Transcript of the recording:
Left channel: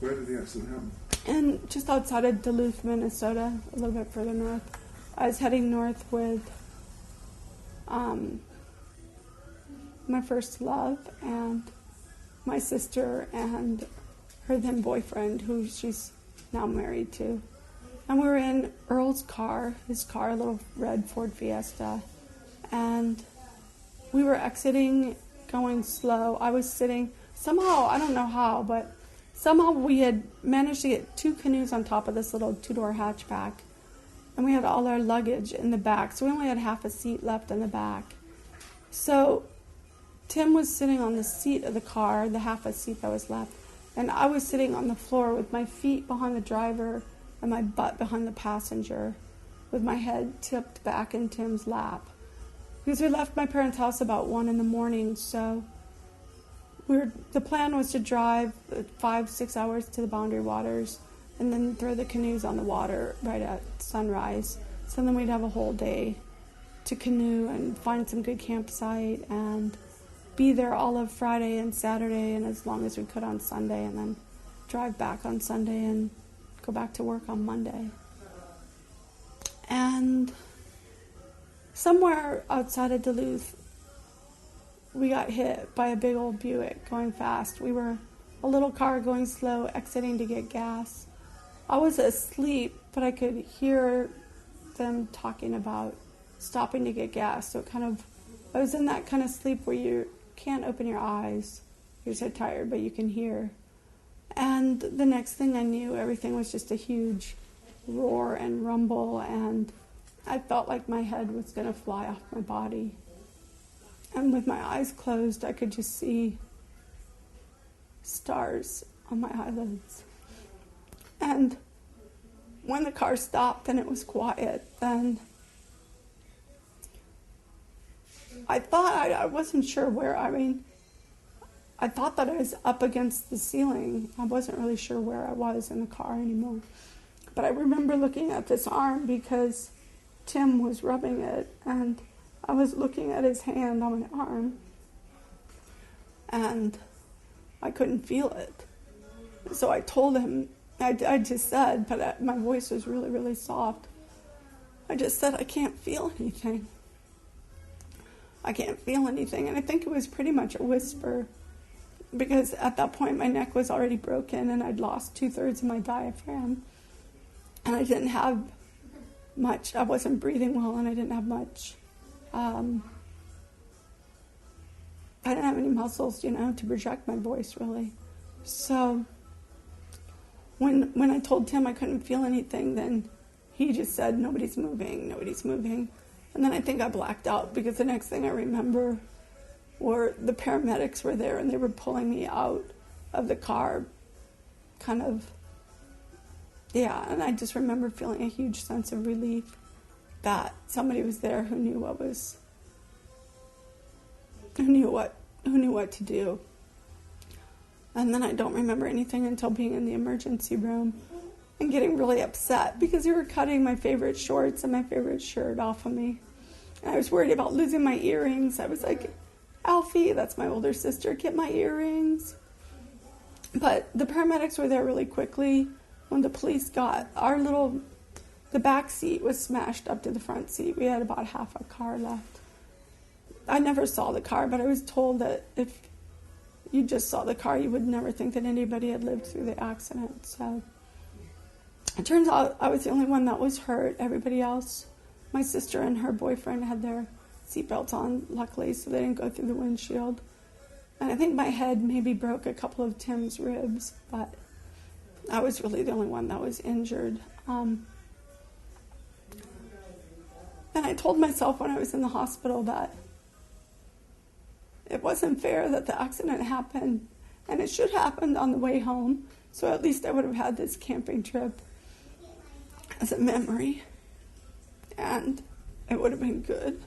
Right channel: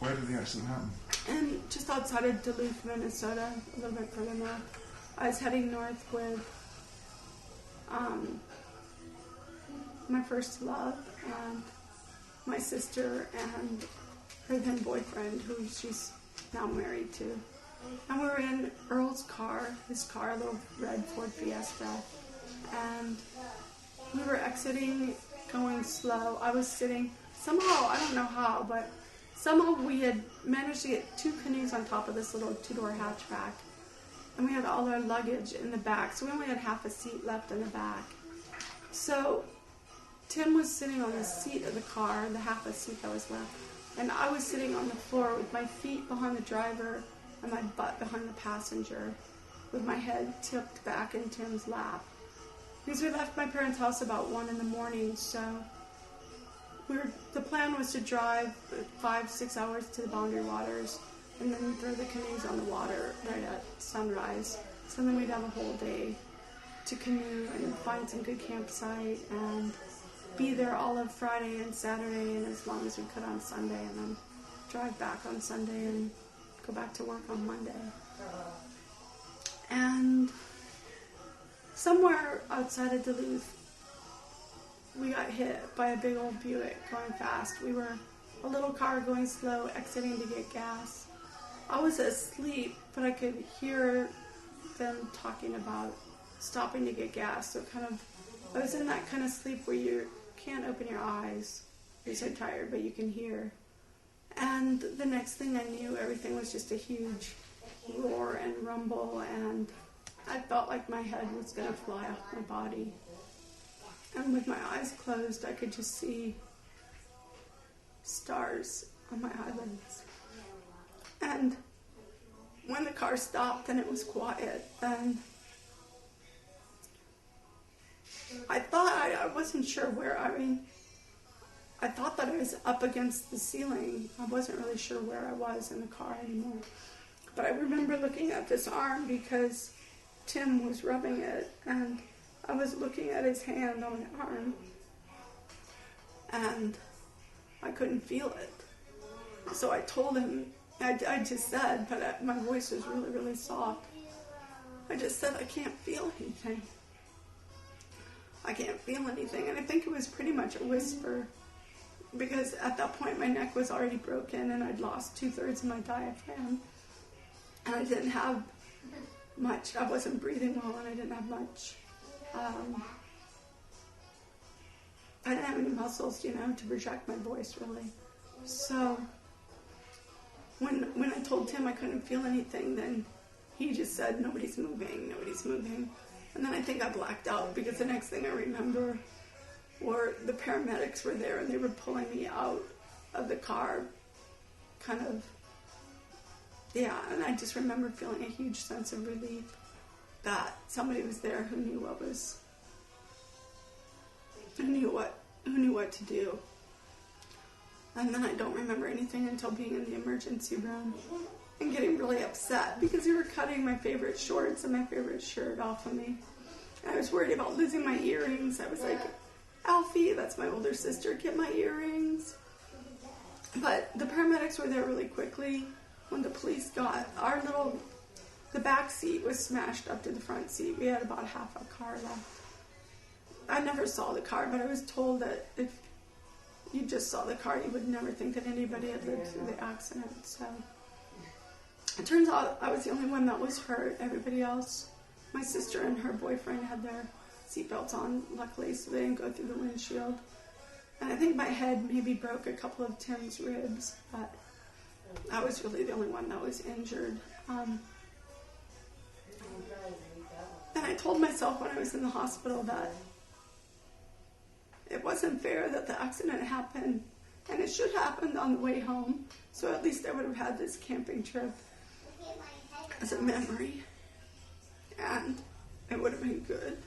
Where did the accident happen? And just outside of Duluth, Minnesota, a little bit further north. I was heading north with my first love and my sister and her then boyfriend, who she's now married to. And we were in Earl's car, his car, a little red Ford Fiesta. And we were exiting, going slow. I was sitting, somehow, I don't know how, but somehow we had managed to get 2 canoes on top of this little 2-door hatchback. And we had all our luggage in the back, so we only had half a seat left in the back. So Tim was sitting on the seat of the car, the half a seat that was left, and I was sitting on the floor with my feet behind the driver and my butt behind the passenger, with my head tipped back in Tim's lap. Because we left my parents' house about 1 a.m, so the plan was to drive 5-6 hours to the Boundary Waters and then throw the canoes on the water right at sunrise. So then we'd have a whole day to canoe and find some good campsite and be there all of Friday and Saturday and as long as we could on Sunday, and then drive back on Sunday and go back to work on Monday. And somewhere outside of Duluth, we got hit by a big old Buick going fast. We were a little car going slow, exiting to get gas. I was asleep, but I could hear them talking about stopping to get gas. So I was in that kind of sleep where you can't open your eyes. You're so tired, but you can hear. And the next thing I knew, everything was just a huge roar and rumble, and I felt like my head was going to fly off my body. And with my eyes closed, I could just see stars on my eyelids. And when the car stopped and it was quiet, then I thought, I wasn't sure where, I thought that I was up against the ceiling. I wasn't really sure where I was in the car anymore. But I remember looking at this arm because Tim was rubbing it, and I was looking at his hand on my arm, and I couldn't feel it. So I told him, I just said, but my voice was really, really soft. I just said, I can't feel anything. I can't feel anything. And I think it was pretty much a whisper, because at that point my neck was already broken and I'd lost 2/3 of my diaphragm. And I didn't have much, I wasn't breathing well, and I didn't have much, I didn't have any muscles, to project my voice really. So when I told Tim I couldn't feel anything, then he just said, nobody's moving. And then I think I blacked out, because the next thing I remember were the paramedics were there and they were pulling me out of the car, and I just remember feeling a huge sense of relief that somebody was there who knew what to do. And then I don't remember anything until being in the emergency room and getting really upset because they were cutting my favorite shorts and my favorite shirt off of me. And I was worried about losing my earrings. I was like, Alfie, that's my older sister, get my earrings. But the paramedics were there really quickly. When the police got the back seat was smashed up to the front seat. We had about half a car left. I never saw the car, but I was told that if you just saw the car, you would never think that anybody had lived through the accident. So it turns out I was the only one that was hurt. Everybody else, my sister and her boyfriend, had their seatbelts on, luckily, so they didn't go through the windshield. And I think my head maybe broke a couple of Tim's ribs, but I was really the only one that was injured. And I told myself when I was in the hospital that it wasn't fair that the accident happened, and it should have happened on the way home, so at least I would have had this camping trip as a memory, and it would have been good.